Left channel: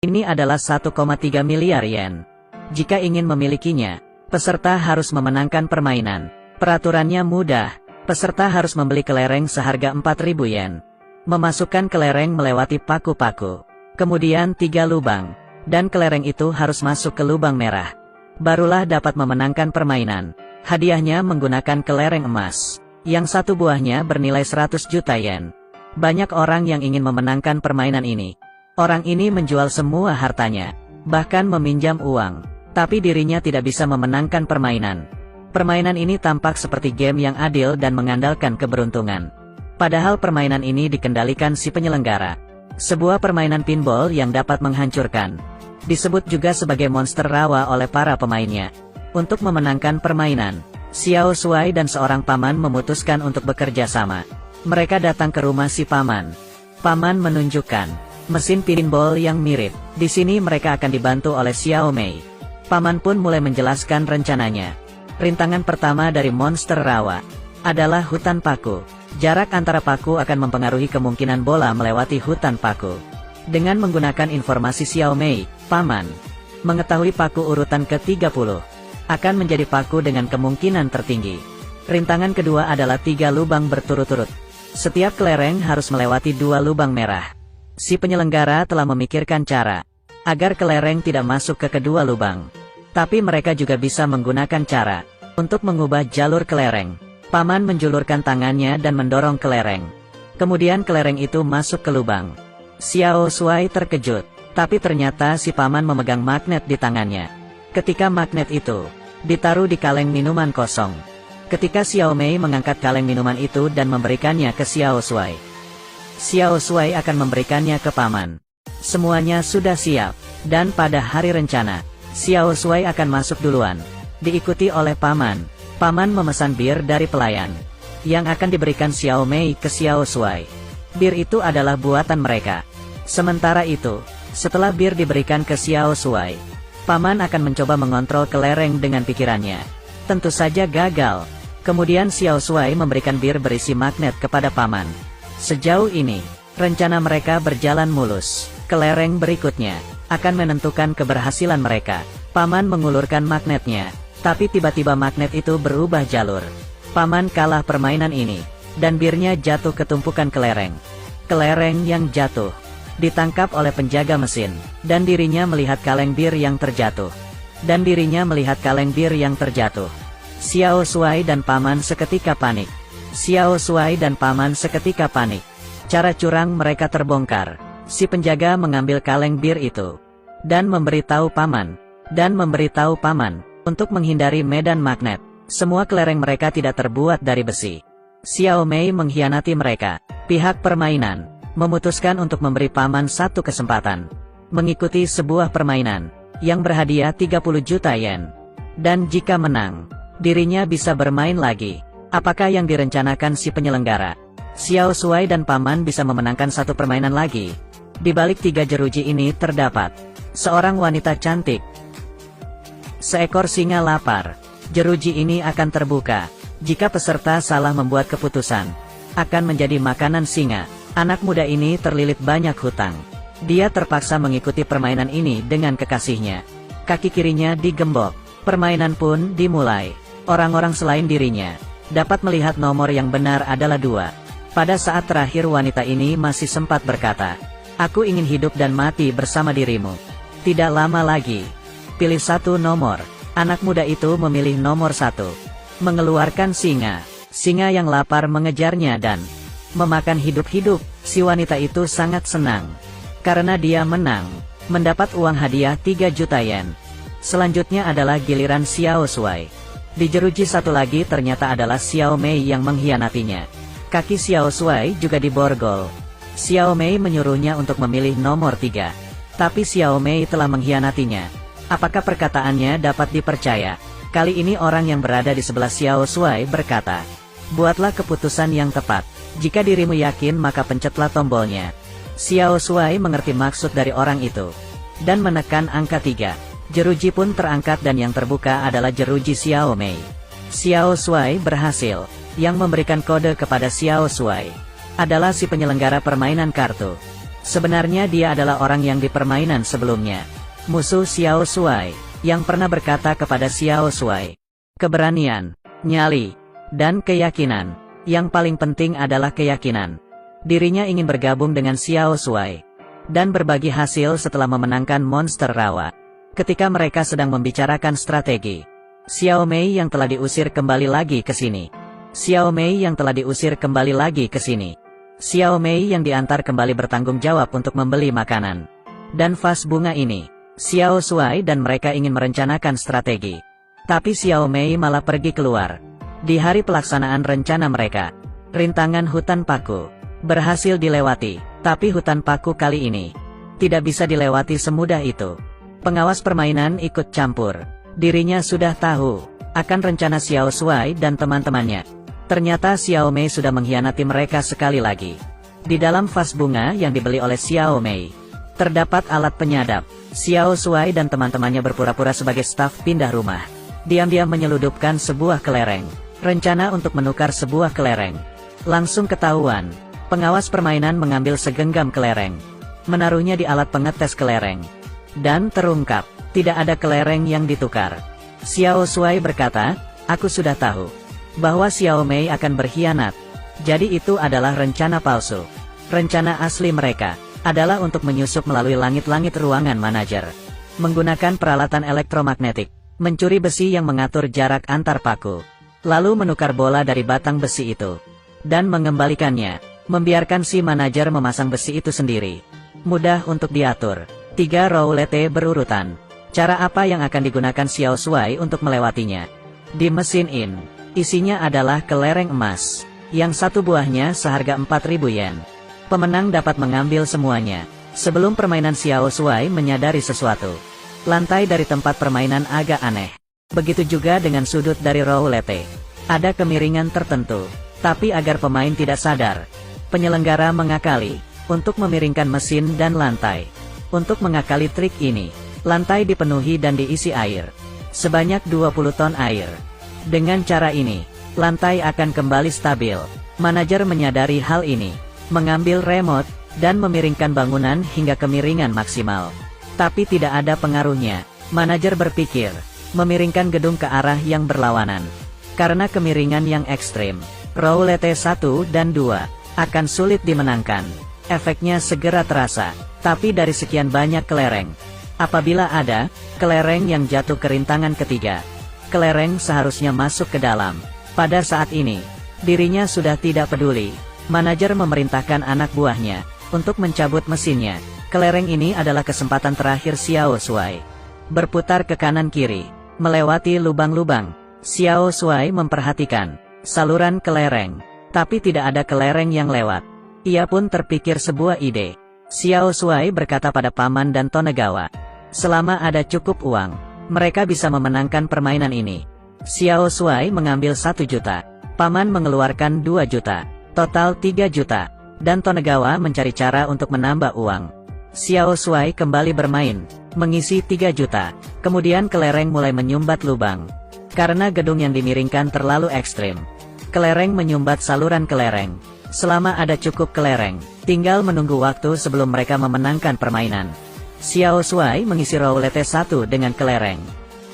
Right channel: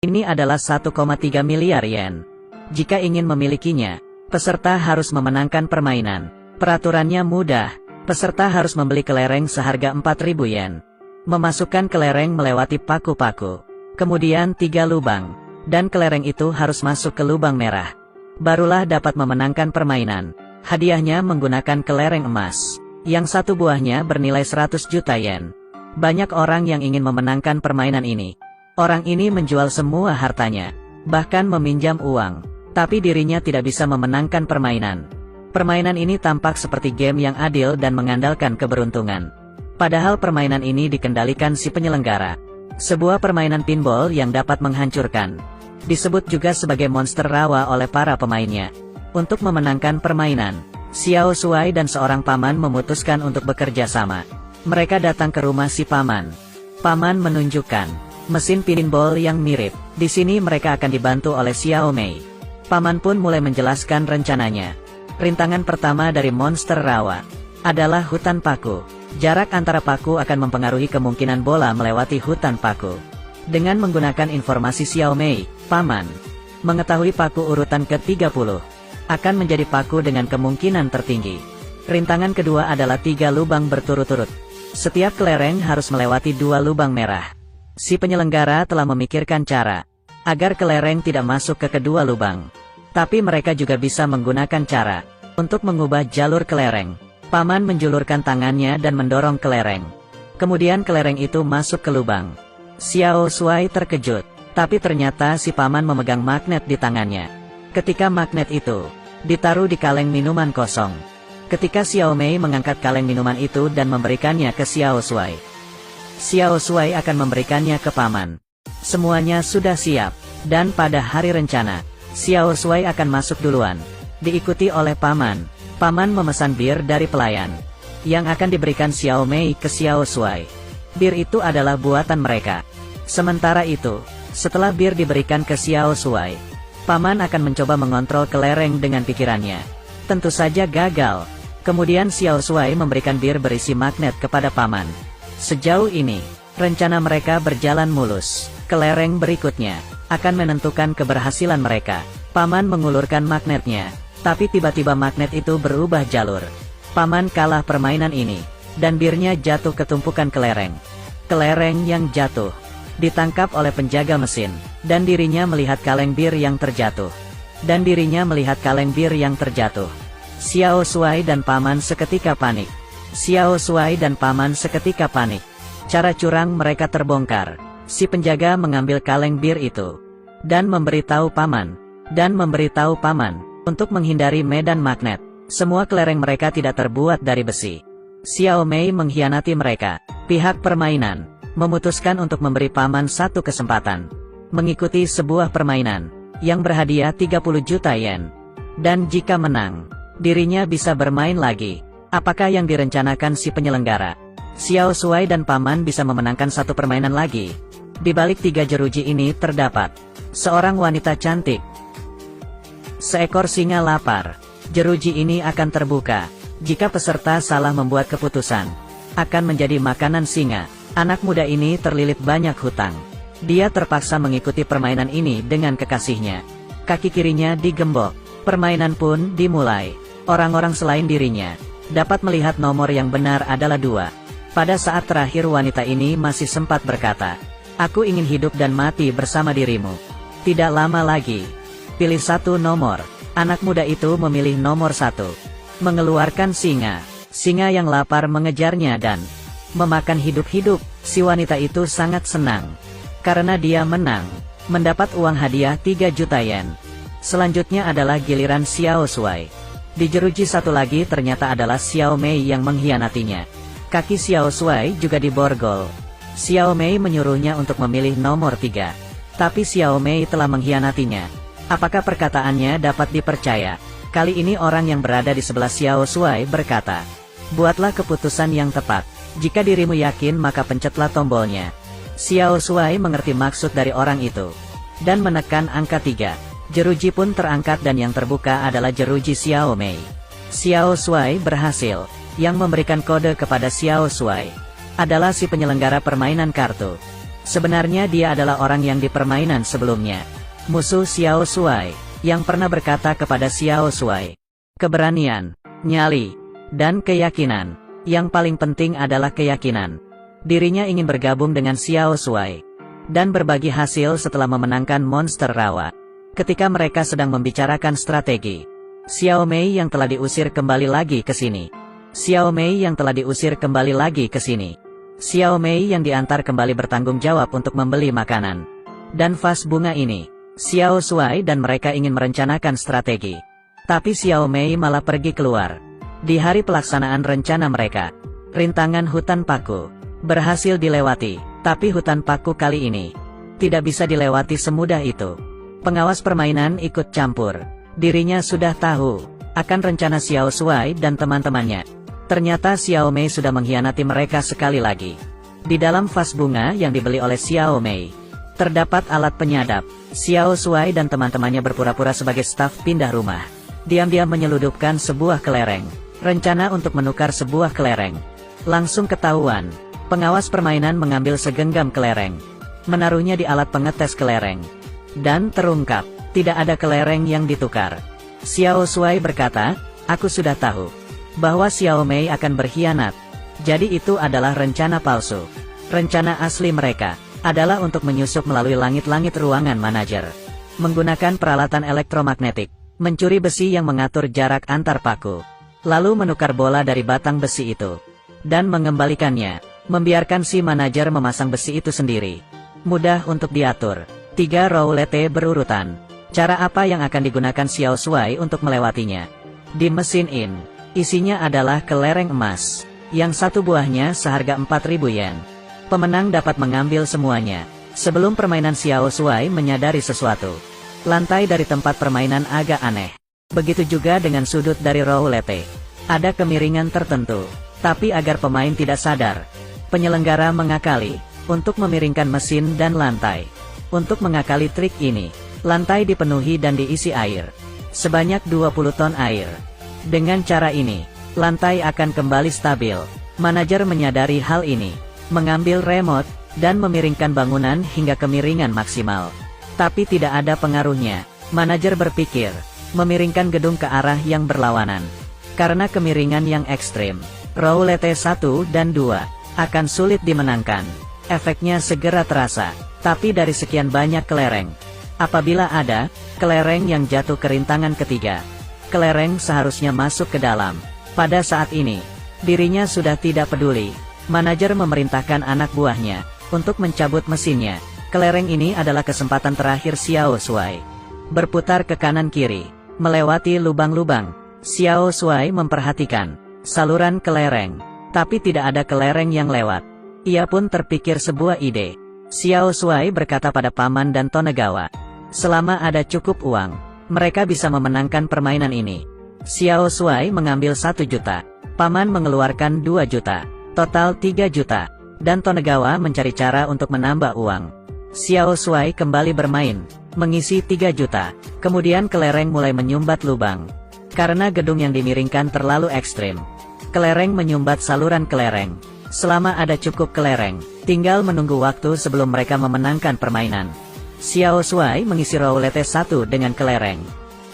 Ini adalah 1,3 miliar yen. Jika ingin memilikinya, peserta harus memenangkan permainan. Peraturannya mudah. Peserta harus membeli kelereng seharga 4.000 yen. Memasukkan kelereng melewati paku-paku. Kemudian 3 lubang. Dan kelereng itu harus masuk ke lubang merah. Barulah dapat memenangkan permainan. Hadiahnya menggunakan kelereng emas. Yang satu buahnya bernilai 100 juta yen. Banyak orang yang ingin memenangkan permainan ini. Orang ini menjual semua hartanya. Bahkan meminjam uang. Tapi dirinya tidak bisa memenangkan permainan. Permainan ini tampak seperti game yang adil dan mengandalkan keberuntungan. Padahal permainan ini dikendalikan si penyelenggara. Sebuah permainan pinball yang dapat menghancurkan. Disebut juga sebagai monster rawa oleh para pemainnya. Untuk memenangkan permainan, Xiao Shuai dan seorang paman memutuskan untuk bekerja sama. Mereka datang ke rumah si paman. Paman menunjukkan mesin pinball yang mirip. Di sini mereka akan dibantu oleh Xiao Mei. Paman pun mulai menjelaskan rencananya. Rintangan pertama dari monster rawa adalah hutan paku. Jarak antara paku akan mempengaruhi kemungkinan bola melewati hutan paku. Dengan menggunakan informasi Xiao Mei, paman mengetahui paku urutan ke-30 akan menjadi paku dengan kemungkinan tertinggi. Rintangan kedua adalah 3 lubang berturut-turut. Setiap kelereng harus melewati 2 lubang merah. Si penyelenggara telah memikirkan cara agar kelereng tidak masuk ke kedua lubang. Tapi mereka juga bisa menggunakan cara untuk mengubah jalur kelereng. Paman menjulurkan tangannya dan mendorong kelereng. Kemudian kelereng itu masuk ke lubang. Xiao Shuai terkejut, tapi ternyata si paman memegang magnet di tangannya. Ketika magnet itu ditaruh di kaleng minuman kosong. Ketika Xiao Mei mengangkat kaleng minuman itu dan memberikannya ke Xiao Shuai, Xiao Shuai akan memberikannya ke paman. Semuanya sudah siap, dan pada hari rencana, Xiao Shuai akan masuk duluan, diikuti oleh paman. Paman memesan bir dari pelayan, yang akan diberikan Xiao Mei ke Xiao Shuai. Bir itu adalah buatan mereka. Sementara itu, setelah bir diberikan ke Xiao Shuai, paman akan mencoba mengontrol kelereng dengan pikirannya. Tentu saja gagal. Kemudian Xiao Shuai memberikan bir berisi magnet kepada paman. Sejauh ini, rencana mereka berjalan mulus. Kelereng berikutnya akan menentukan keberhasilan mereka. Paman mengulurkan magnetnya, tapi tiba-tiba magnet itu berubah jalur. Paman kalah permainan ini, dan birnya jatuh ke tumpukan kelereng. Kelereng yang jatuh ditangkap oleh penjaga mesin, dan dirinya melihat kaleng bir yang terjatuh. Xiao Shuai dan paman seketika panik. Cara curang mereka terbongkar. Si penjaga mengambil kaleng bir itu dan memberitahu paman untuk menghindari medan magnet. Semua kelereng mereka tidak terbuat dari besi. Xiao Mei mengkhianati mereka. Pihak permainan memutuskan untuk memberi paman satu kesempatan mengikuti sebuah permainan yang berhadiah 30 juta yen. Dan jika menang, dirinya bisa bermain lagi. Apakah yang direncanakan si penyelenggara? Xiao Shuai dan paman bisa memenangkan satu permainan lagi. Di balik 3 jeruji ini terdapat seorang wanita cantik. Seekor singa lapar. Jeruji ini akan terbuka jika peserta salah membuat keputusan. Akan menjadi makanan singa. Anak muda ini terlilit banyak hutang. Dia terpaksa mengikuti permainan ini dengan kekasihnya. Kaki kirinya digembok. Permainan pun dimulai. Orang-orang selain dirinya dapat melihat nomor yang benar adalah 2. Pada saat terakhir wanita ini masih sempat berkata, "Aku ingin hidup dan mati bersama dirimu." Tidak lama lagi, pilih satu nomor. Anak muda itu memilih nomor 1. Mengeluarkan singa. Singa yang lapar mengejarnya dan memakan hidup-hidup. Si wanita itu sangat senang karena dia menang, mendapat uang hadiah 3 juta yen. Selanjutnya adalah giliran Xiao Shuai. Di jeruji satu lagi ternyata adalah Xiao Mei yang mengkhianatinya. Kaki Xiao Shuai juga diborgol. Xiao Mei menyuruhnya untuk memilih nomor 3. Tapi Xiao Mei telah mengkhianatinya. Apakah perkataannya dapat dipercaya? Kali ini orang yang berada di sebelah Xiao Shuai berkata, "Buatlah keputusan yang tepat. Jika dirimu yakin maka pencetlah tombolnya." Xiao Shuai mengerti maksud dari orang itu dan menekan angka 3. Jeruji pun terangkat dan yang terbuka adalah jeruji Xiao Mei. Xiao Shuai berhasil. Yang memberikan kode kepada Xiao Shuai adalah si penyelenggara permainan kartu. Sebenarnya dia adalah orang yang di permainan sebelumnya. Musuh Xiao Shuai, yang pernah berkata kepada Xiao Shuai, keberanian, nyali, dan keyakinan. Yang paling penting adalah keyakinan. Dirinya ingin bergabung dengan Xiao Shuai dan berbagi hasil setelah memenangkan monster rawa. Ketika mereka sedang membicarakan strategi, Xiao Mei yang telah diusir kembali lagi ke sini. Xiao Mei yang telah diusir kembali lagi ke sini. Xiao Mei yang diantar kembali bertanggung jawab untuk membeli makanan dan vas bunga ini. Xiao Shuai dan mereka ingin merencanakan strategi. Tapi Xiao Mei malah pergi keluar. Di hari pelaksanaan rencana mereka, rintangan hutan paku berhasil dilewati. Tapi hutan paku kali ini tidak bisa dilewati semudah itu. Pengawas permainan ikut campur. Dirinya sudah tahu akan rencana Xiao Shuai dan teman-temannya. Ternyata Xiao Mei sudah mengkhianati mereka sekali lagi. Di dalam vas bunga yang dibeli oleh Xiao Mei, terdapat alat penyadap. Xiao Shuai dan teman-temannya berpura-pura sebagai staf pindah rumah. Diam-diam menyeludupkan sebuah kelereng. Rencana untuk menukar sebuah kelereng langsung ketahuan. Pengawas permainan mengambil segenggam kelereng, menaruhnya di alat pengetes kelereng, dan terungkap, tidak ada kelereng yang ditukar. Xiao Shuai berkata, aku sudah tahu bahwa Xiao Mei akan berkhianat. Jadi itu adalah rencana palsu. Rencana asli mereka adalah untuk menyusup melalui langit-langit ruangan manajer, menggunakan peralatan elektromagnetik, mencuri besi yang mengatur jarak antar paku, lalu menukar bola dari batang besi itu, dan mengembalikannya, membiarkan si manajer memasang besi itu sendiri. Mudah untuk diatur. 3 roulette berurutan. Cara apa yang akan digunakan Xiao Shuai untuk melewatinya? Di mesin in, isinya adalah kelereng emas, yang satu buahnya seharga 4.000 yen. Pemenang dapat mengambil semuanya. Sebelum permainan Xiao Shuai menyadari sesuatu. Lantai dari tempat permainan agak aneh. Begitu juga dengan sudut dari roulette. Ada kemiringan tertentu. Tapi agar pemain tidak sadar, penyelenggara mengakali untuk memiringkan mesin dan lantai. Untuk mengakali trik ini, lantai dipenuhi dan diisi air. Sebanyak 20 ton air. Dengan cara ini, lantai akan kembali stabil. Manajer menyadari hal ini, mengambil remote, dan memiringkan bangunan hingga kemiringan maksimal. Tapi tidak ada pengaruhnya. Manajer berpikir, memiringkan gedung ke arah yang berlawanan. Karena kemiringan yang ekstrim, roulette 1 dan 2 akan sulit dimenangkan. Efeknya segera terasa, tapi dari sekian banyak kelereng. Apabila ada kelereng yang jatuh ke rintangan ketiga, kelereng seharusnya masuk ke dalam. Pada saat ini, dirinya sudah tidak peduli. Manajer memerintahkan anak buahnya untuk mencabut mesinnya. Kelereng ini adalah kesempatan terakhir Xiao Shuai. Berputar ke kanan kiri, melewati lubang-lubang. Xiao Shuai memperhatikan saluran kelereng, tapi tidak ada kelereng yang lewat. Ia pun terpikir sebuah ide. Xiao Shuai berkata pada Paman dan Tonegawa, selama ada cukup uang, mereka bisa memenangkan permainan ini. Xiao Shuai mengambil 1 juta. Paman mengeluarkan 2 juta. Total 3 juta. Dan Tonegawa mencari cara untuk menambah uang. Xiao Shuai kembali bermain, mengisi 3 juta. Kemudian kelereng mulai menyumbat lubang. Karena gedung yang dimiringkan terlalu ekstrim, kelereng menyumbat saluran kelereng. Selama ada cukup kelereng, tinggal menunggu waktu sebelum mereka memenangkan permainan. Xiao Shuai mengisi roulette 1 dengan kelereng.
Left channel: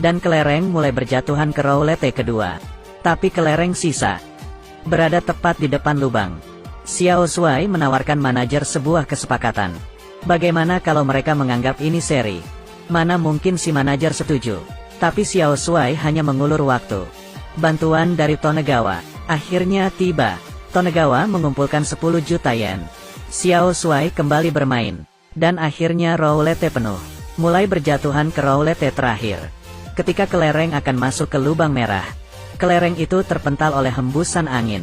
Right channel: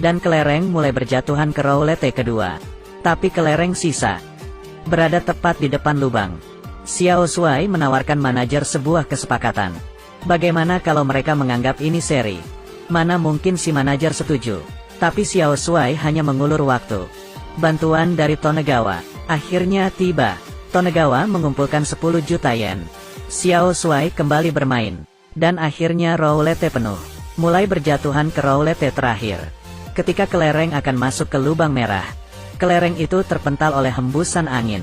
Dan kelereng mulai berjatuhan ke roulette kedua. Tapi kelereng sisa berada tepat di depan lubang. Xiao Shuai menawarkan manajer sebuah kesepakatan. Bagaimana kalau mereka menganggap ini seri? Mana mungkin si manajer setuju. Tapi Xiao Shuai hanya mengulur waktu. Bantuan dari Tonegawa akhirnya tiba. Tonegawa mengumpulkan 10 juta yen. Xiao Shuai kembali bermain. Dan akhirnya roulette penuh. Mulai berjatuhan ke roulette terakhir. Ketika kelereng akan masuk ke lubang merah, kelereng itu terpental oleh hembusan angin.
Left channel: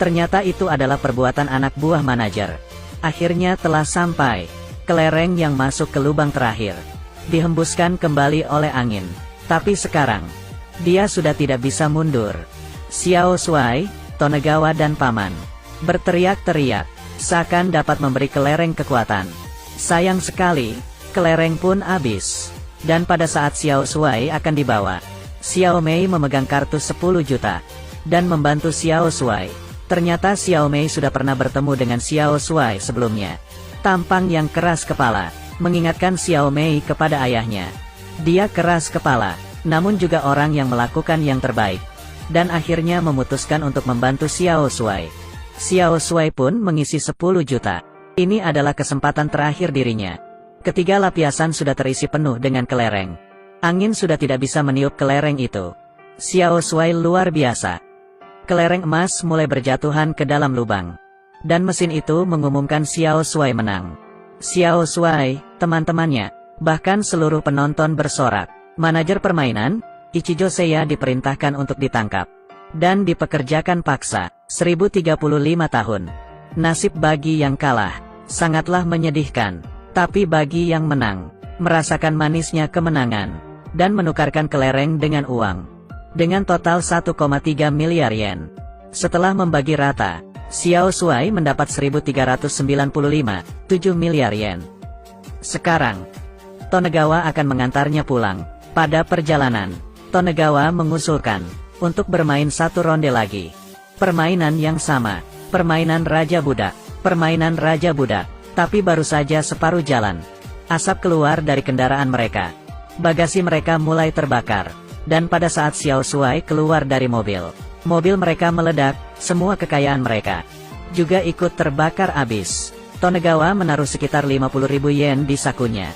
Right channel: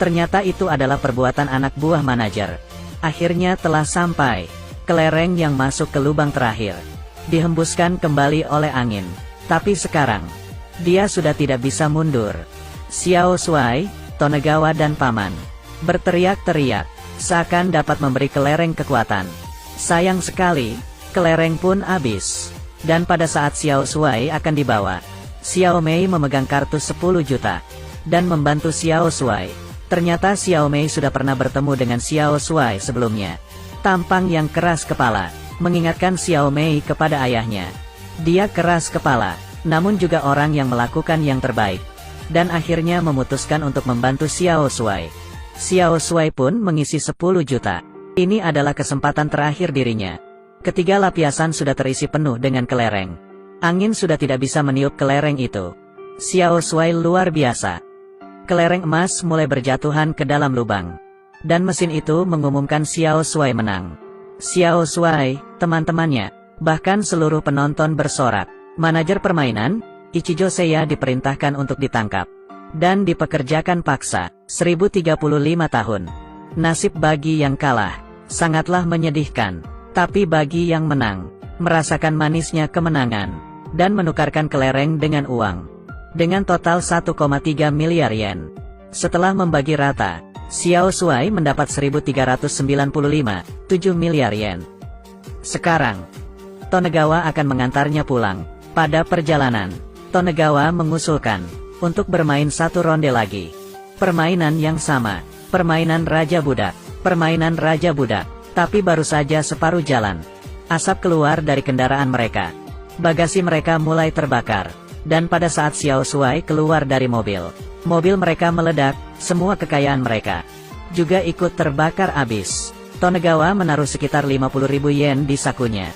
Ternyata itu adalah perbuatan anak buah manajer. Akhirnya telah sampai. Kelereng yang masuk ke lubang terakhir dihembuskan kembali oleh angin. Tapi sekarang, dia sudah tidak bisa mundur. Xiao Shuai, Tonegawa dan Paman berteriak-teriak, seakan dapat memberi kelereng kekuatan. Sayang sekali, kelereng pun habis. Dan pada saat Xiao Shuai akan dibawa, Xiao Mei memegang kartu 10 juta dan membantu Xiao Shuai. Ternyata Xiao Mei sudah pernah bertemu dengan Xiao Shuai sebelumnya. Tampang yang keras kepala, mengingatkan Xiao Mei kepada ayahnya. Dia keras kepala, namun juga orang yang melakukan yang terbaik. Dan akhirnya memutuskan untuk membantu Xiao Shuai. Xiao Shuai pun mengisi 10 juta. Ini adalah kesempatan terakhir dirinya. Ketiga lapisan sudah terisi penuh dengan kelereng. Angin sudah tidak bisa meniup kelereng itu. Xiao Shuai luar biasa. Kelereng emas mulai berjatuhan ke dalam lubang. Dan mesin itu mengumumkan Xiao Shuai menang. Xiao Shuai, teman-temannya, bahkan seluruh penonton bersorak. Manajer permainan, Ichijo Seiya diperintahkan untuk ditangkap. Dan dipekerjakan paksa, 1035 tahun. Nasib bagi yang kalah, sangatlah menyedihkan. Tapi bagi yang menang, merasakan manisnya kemenangan. Dan menukarkan kelereng dengan uang. Dengan total 1,3 miliar yen. Setelah membagi rata, Xiao Shuai mendapat 1.395,7 miliar yen. Sekarang, Tonegawa akan mengantarnya pulang. Pada perjalanan, Tonegawa mengusulkan untuk bermain satu ronde lagi. Permainan yang sama, permainan Raja Budak, permainan Raja Budak. Tapi baru saja separuh jalan, asap keluar dari kendaraan mereka. Bagasi mereka mulai terbakar. Dan pada saat Xiao Shuai keluar dari mobil, mobil mereka meledak, semua kekayaan mereka juga ikut terbakar habis. Tonegawa menaruh sekitar 50.000 yen di sakunya.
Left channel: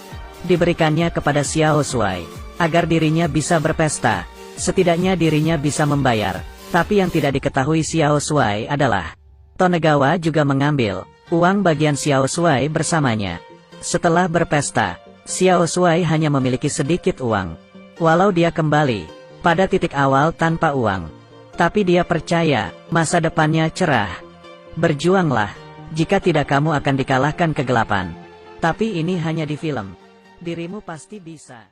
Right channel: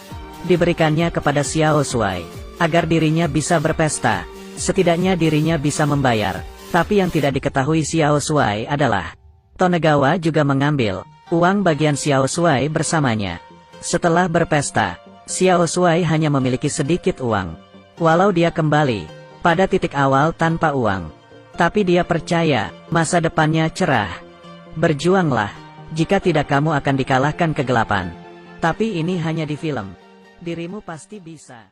Diberikannya kepada Xiao Shuai, agar dirinya bisa berpesta. Setidaknya dirinya bisa membayar. Tapi yang tidak diketahui Xiao Shuai adalah, Tonegawa juga mengambil uang bagian Xiao Shuai bersamanya. Setelah berpesta, Xiao Shuai hanya memiliki sedikit uang. Walau dia kembali pada titik awal tanpa uang, tapi dia percaya masa depannya cerah. Berjuanglah, jika tidak kamu akan dikalahkan kegelapan. Tapi ini hanya di film. Dirimu pasti bisa.